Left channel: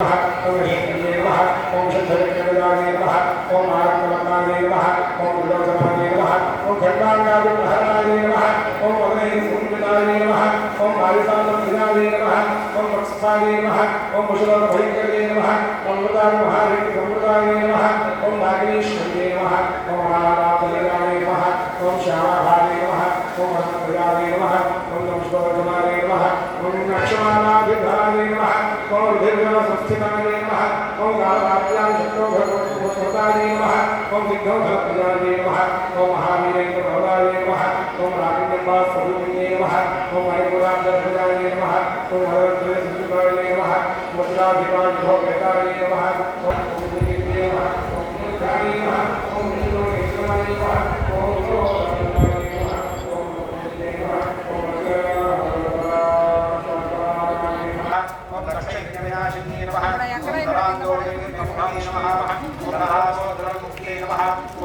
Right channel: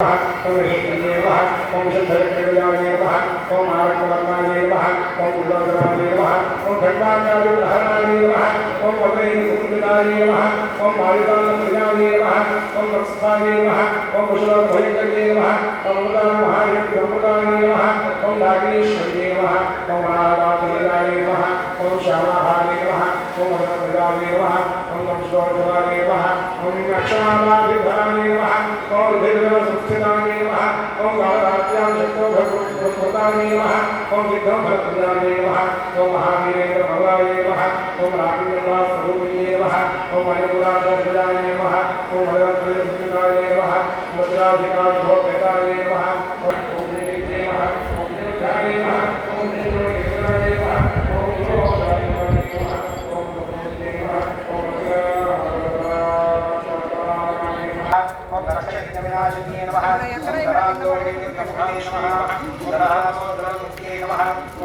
ओम ह्रीं नमः ओम शुद्धविष्णुविदाय नमः ओम आरक्तवर्णाय नमः ओम उल्लोकनाय नमः ओम खण्डान्यादिप्रहराय नमः ओम वदनैकुण्डिताय नमः ओम आयुधानप्रियाय नमः ओम वत्साय नमः ओम कुशलोकभयङ्कर्ये नमः ओम मृदामहारिणिसम्प्रदाय नमः ओम नागेश्वर्ये नमः ओम राधाप्रियाय नमः ओम श्यामाभाय नमः ओम अनन्तप्रियाय नमः ओम नमस्काराय नमः ओम अक्षमालाभिधाय नमः ओम रुधिरसंस्थिताय नमः ओम गाढरात्र्यां शक्तोभस्मृताय नमः ओम विघ्नभरप्रियाय नमः ओम महावीरेन्द्रप्रदाय नमः ओम रागिण्यवासरूपिणे नमः ओम मणिपुरान्तर्भुजाय नमः ओम मणिवन्त्रयसंस्कृताय नमः ओम वज्राधिकारिभोगेताय नमः ओम देवीने नमः ओम देवताय नमः ओम देवोनेश्वराय नमः ओम ओम दक्षिणविनाशिन्ये नमः ओम